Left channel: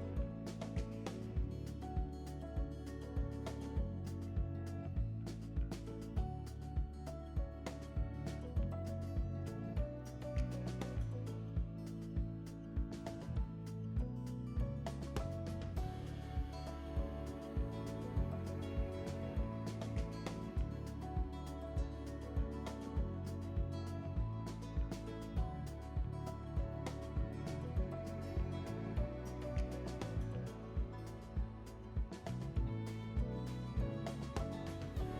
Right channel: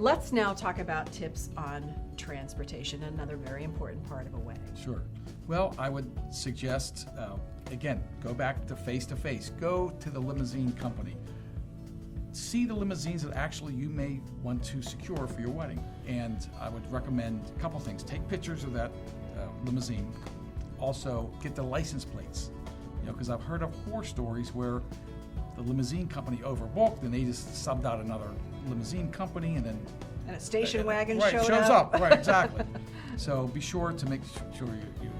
Let's now talk about tips on transportation, another very important part of a wedding. Sure. Well, I would suggest, again, go back to face. Go to the limousine company. See the limousines that actually you may want to secure for your wedding. And I would recommend a couple things. Take pictures of that limousine. Also, get the license plates. Because I've heard of horror stories where the limousine company overbooked and they just subbed out another limousine company and then And a station wagon right, shows up. Right, exactly. So be sure to make sure you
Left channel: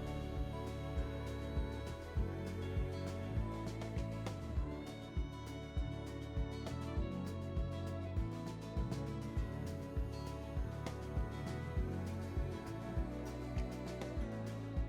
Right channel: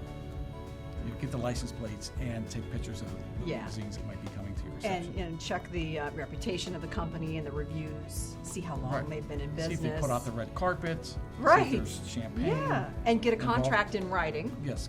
get the license plates and take pictures of the limousines that might be coming to your reception. And check the reputation of the company and the reviews. See how long they've been in business. See if they put out the red carpet. Right. See if there's champagne. Yeah, and get a contract in writing. Yes.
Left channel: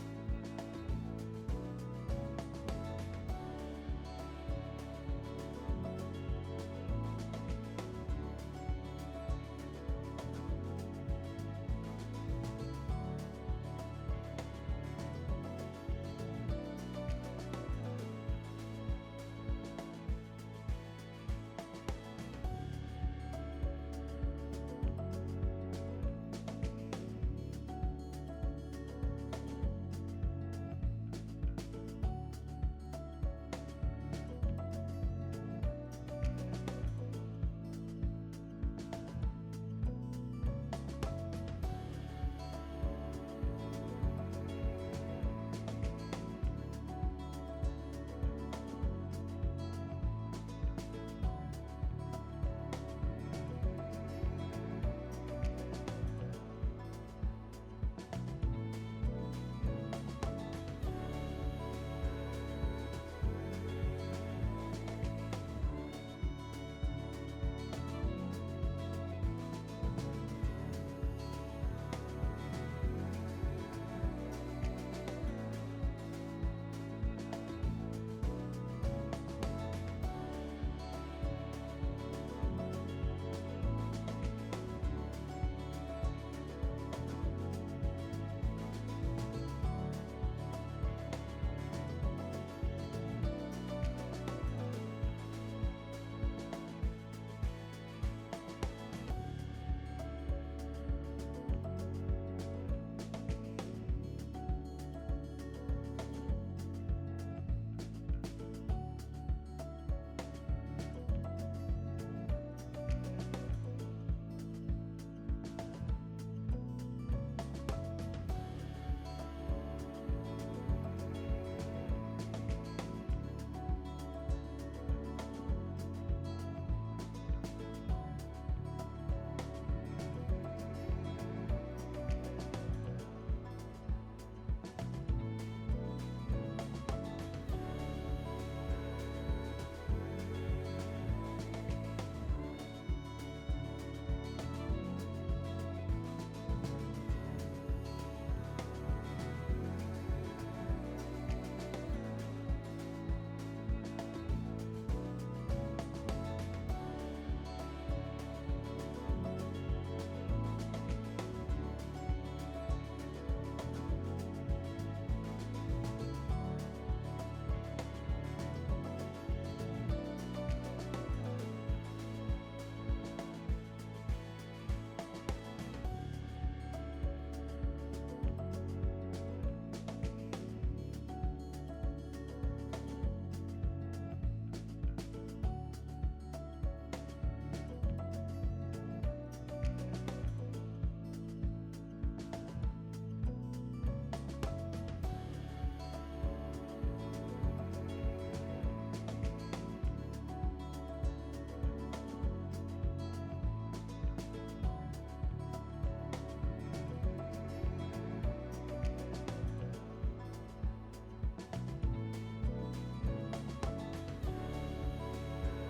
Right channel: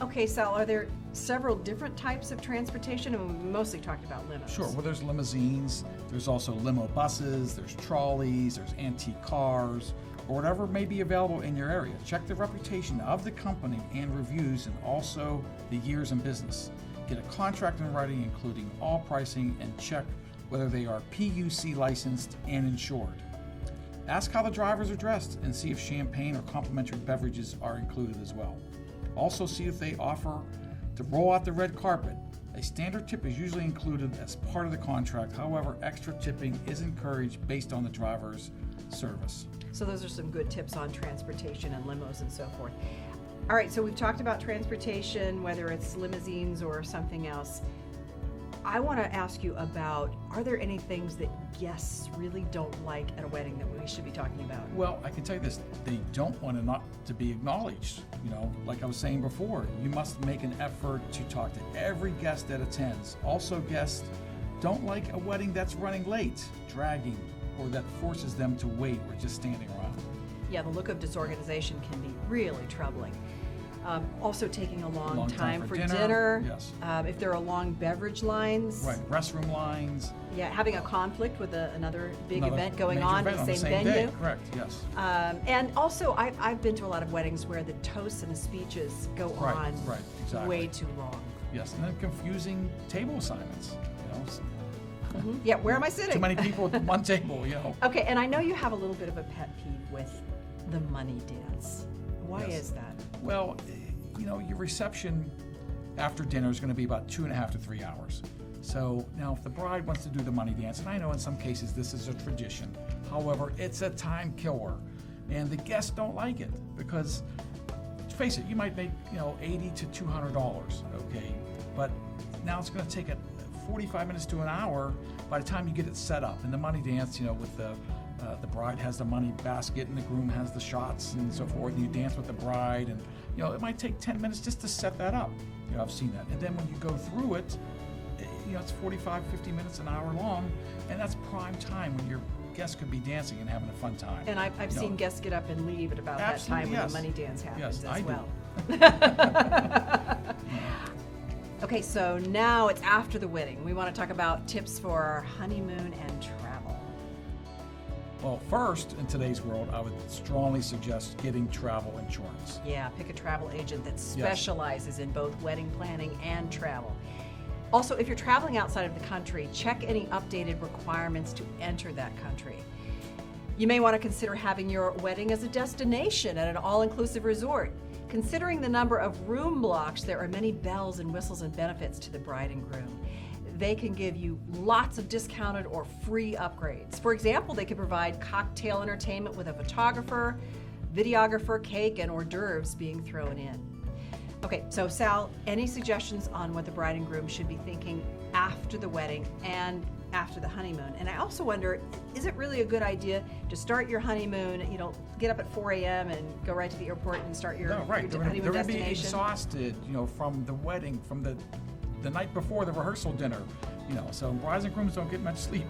Okay, Sal, are there several different types of transportation? And we mostly talked about limos. Sure. Well, there's limousines. There's also limo buses. There's trolleys. There's antique cars, or whatever may be available in your area. Check the reputation of the company and reviews, and also the years in business. Get a contract in writing, including all pricing, and check whether they are PUC licensed and insured. Ask how the drivers are dressed and see if champagne or complimentary beverages are included as well. Also see if they offer to roll out the red carpet. A standard tip is usually included as part of the contract. However, extra tipping is encouraged based on the driver's service. So those are some good tips on transportation and limos and so forth. All right, so we've talked about transportation, whether it's limousines or something else. I want to ask you about, are there any things that guests really don't like at a wedding that we should be talking about? Well, I can tell you this, they don't want to not to be acknowledged. Like I was saying before, you must make an effort to talk to every guest that attends. Also, guests don't like a wedding that's running late, dragging, or that forces them to wait or just standing around. Yeah, the look of disorganization can be really troubling. Also taking a long time for dinner. Yes. If there are long beverage lines. Right, restroom lines. Yeah, having a conflict with another big event going major on event in the on same venue. Day. Correct, yes. And also, I've been to a lot of weddings where the toasts and the speeches go on exactly. way too long. Yes, and then confusing table assignments. Yeah, where am I sitting? Too many people at one table, Okay, and I know you have a little bit of a pet peeve with the money dance. Why is that? Well, your reception after dinner is going to be about 2.5 to 3 hours. So now if the bride wants to do the money dance, and I know in some cases this is a tradition, however, it's a time killer. And the guests don't like it because, let's face it, you might make, $80 to $200, okay? But now it's going to take 45 minutes to an hour by the time you get it set up. And the money dance, with the bride has the money basket and the groom has the shots and so forth, and you dance with the bride, and it might take 10 minutes just to set that up. I've seen that. And then when you go through it, it's 45, 50 minutes, an hour long, and that's prime time when your guests could be dancing and having a fun time. And I've seen guests get up and leave at about that time when the money dance happens as well. Okay, so now it's after the wedding. We want to talk about tips for our honeymoon and travel. Well, first, in today's world, I would strongly suggest getting travel insurance. Yeah, pick a travel agent that specializes in both wedding planning and travel. Also, if you're traveling outside of the country, check any updated requirements to enter that country. You may want to consider having your wedding as a destination at an all-inclusive resort. Considering the number of room blocks, there are many bells and whistles and benefits to the bride and groom. They can give you lots of discounted or free upgrades. For example, they can provide cocktail entertainment with a photographer, videographer, cake, and hors d'oeuvres being thrown in. Okay, so Sal, any suggestions on what the bride and groom should be thinking after the wedding and after the honeymoon? And I also wonder, is it really a good idea to start your honeymoon, get up at 4 a.m. and go right to the airport and start your honeymoon destination? They're going to be exhausted, from the wedding, from the night before the rehearsal dinner. So brides and grooms don't get much sleep,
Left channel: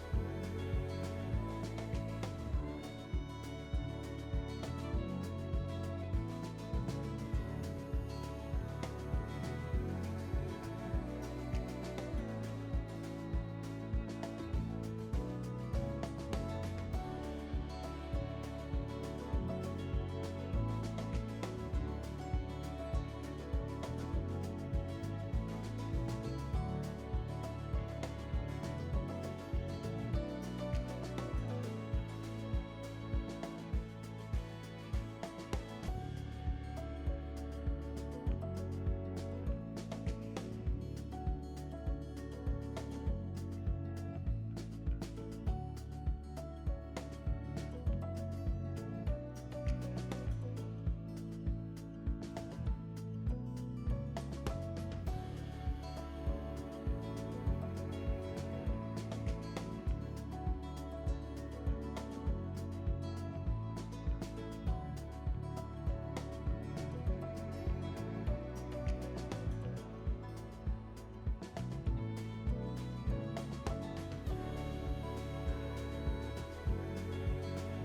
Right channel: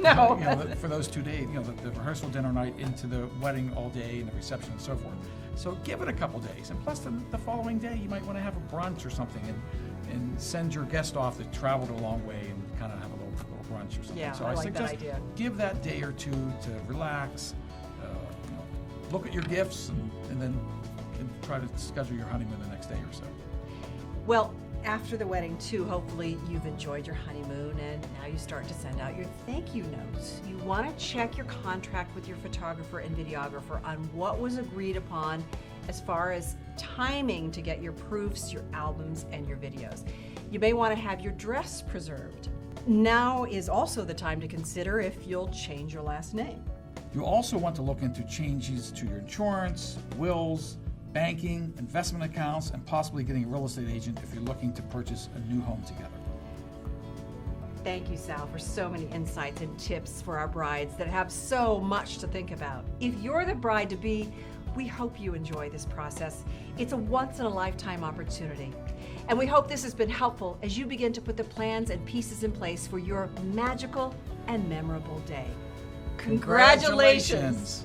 No. For those 2 days, the rehearsal dinner night into the wedding all day and the reception and so forth. So give it a couple days. And plus the following day, you might want to have a brunch or something and send your guest off that traveled a long way and kind of have a little brunch or something. Yeah, so I like that idea. Give that day or two to relax, look at your gifts, and then try to schedule your honeymoon the next day or so. Well, after the wedding, too, hopefully you've enjoyed your honeymoon and now you start to send out your thank you notes. You want want to check your contract with your photographer and videographer on what was agreed upon as far as timing to get your proofs, your albums, and your videos. You may want to have your dress preserved. Now is also the time to consider if you'll change your last name. You also want to look into changes to your insurance, wills, banking, investment accounts, and possibly getting a real estate agent if you're looking to purchase a new home together. Thank you, Sal, for so many insights and tips for our brides that have so much to think about. If you're the bride-to-be, we hope you enjoy this process. It's a once-in-a-lifetime opportunity. And we hope this has been helpful as you begin to put the plans and pieces in place for your magical and memorable day. Congratulations!